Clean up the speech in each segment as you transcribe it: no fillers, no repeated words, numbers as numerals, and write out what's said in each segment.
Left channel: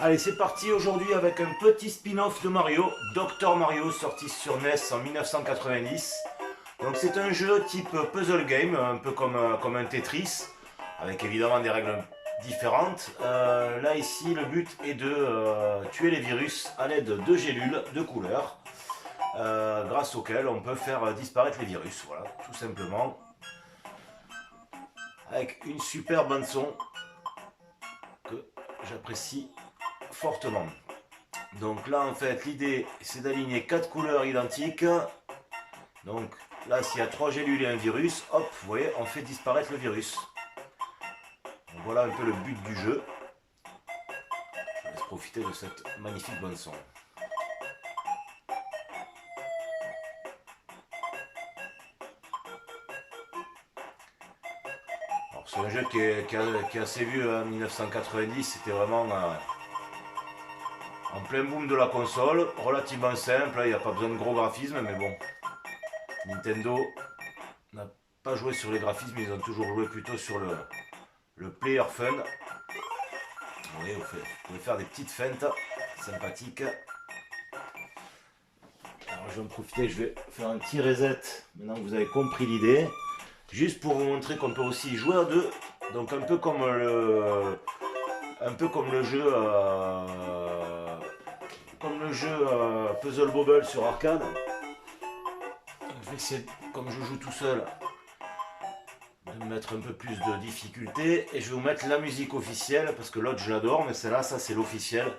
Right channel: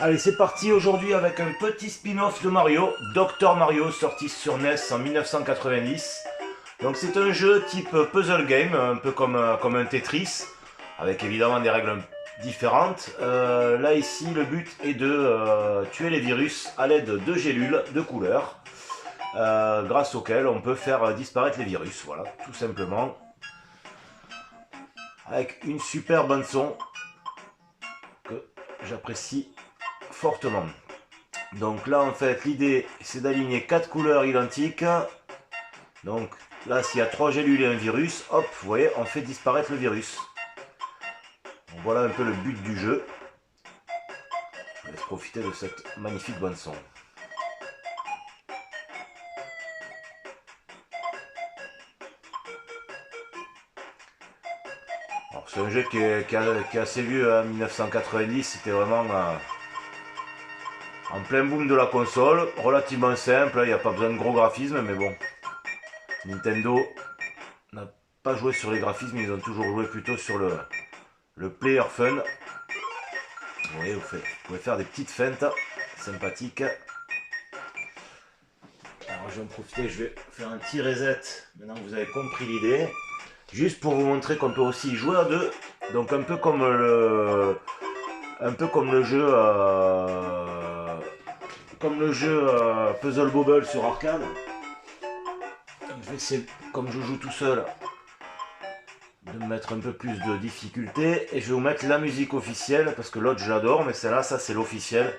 Allez, c'est parti aujourd'hui avec un petit spin-off de Mario, Dr Mario, sorti sur NES en 1990. Donc c'est un jeu type puzzle game, un peu comme un Tetris, avec évidemment des règles différentes. Là ici, le but est de tuer les virus à l'aide de gélules de couleur, grâce auxquelles on peut faire disparaître les virus. Voilà, tout simplement, avec une super bande son que j'apprécie fortement. Donc là, en fait, l'idée, c'est d'aligner 4 couleurs identiques. Donc là, s'il y a 3 gélules et un virus, hop, vous voyez, on fait disparaître le virus. Donc voilà un peu le but du jeu. Je vous laisse profiter de cette magnifique bande son. Alors c'est un jeu qui est assez vieux, hein, 1990, c'était vraiment en plein boom de la console, relativement simple, il n'y a pas besoin de gros graphismes, mais bon, Nintendo n'a pas joué sur les graphismes, ils ont toujours joué plutôt sur le player fun. Oui, vous pouvez faire des petites feintes sympathiques. Alors je vais en profiter, je vais faire un petit reset maintenant que vous avez compris l'idée. Juste pour vous montrer qu'on peut aussi jouer à deux. Donc un peu comme le jeu Puzzle Bobble sur arcade. Donc, je vais essayer, comme je joue tout seul, de me mettre un peu plus de difficulté. Et je vais vous mettre la musique officielle, parce que l'autre je l'adore, mais celle-là, ça c'est l'officiel.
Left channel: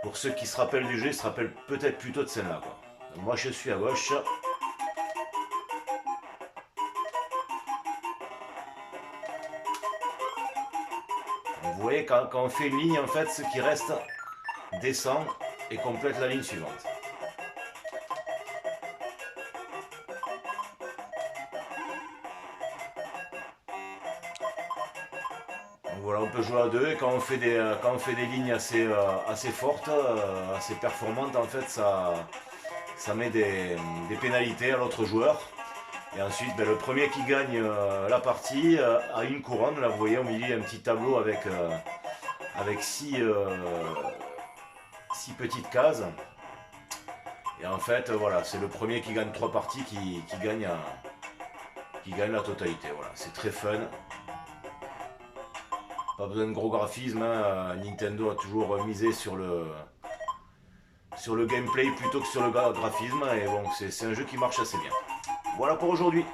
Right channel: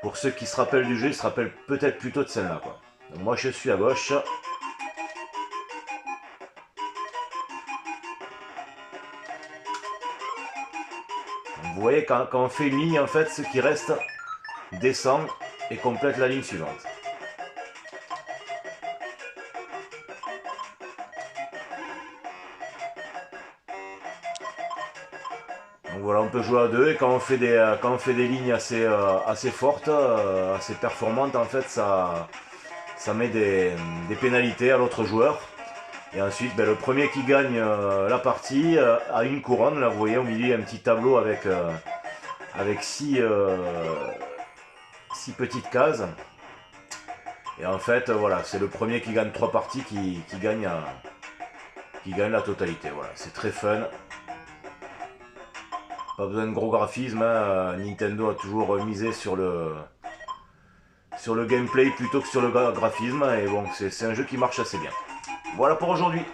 Pour ceux qui se rappellent du jeu, ils se rappellent peut-être plutôt de celle-là, quoi. Donc moi je suis à gauche. Donc, vous voyez, quand on fait une ligne, en fait, ce qui reste descend et complète la ligne suivante. Donc voilà, on peut jouer à deux et quand on fait des lignes assez fortes, assez performantes, en fait, ça met des pénalités à l'autre joueur. Et ensuite, ben, le premier qui gagne la partie a une couronne. Là, vous voyez, au milieu, il y a un petit tableau avec six petites cases. Et en fait, voilà, c'est le premier qui gagne 3 parties qui gagne la totalité. Voilà, c'est très fun. Pas besoin de gros graphismes, hein. Nintendo a toujours misé sur le gameplay plutôt que sur le graphisme. Et bon, c'est un jeu qui marche assez bien. Voilà pour aujourd'hui.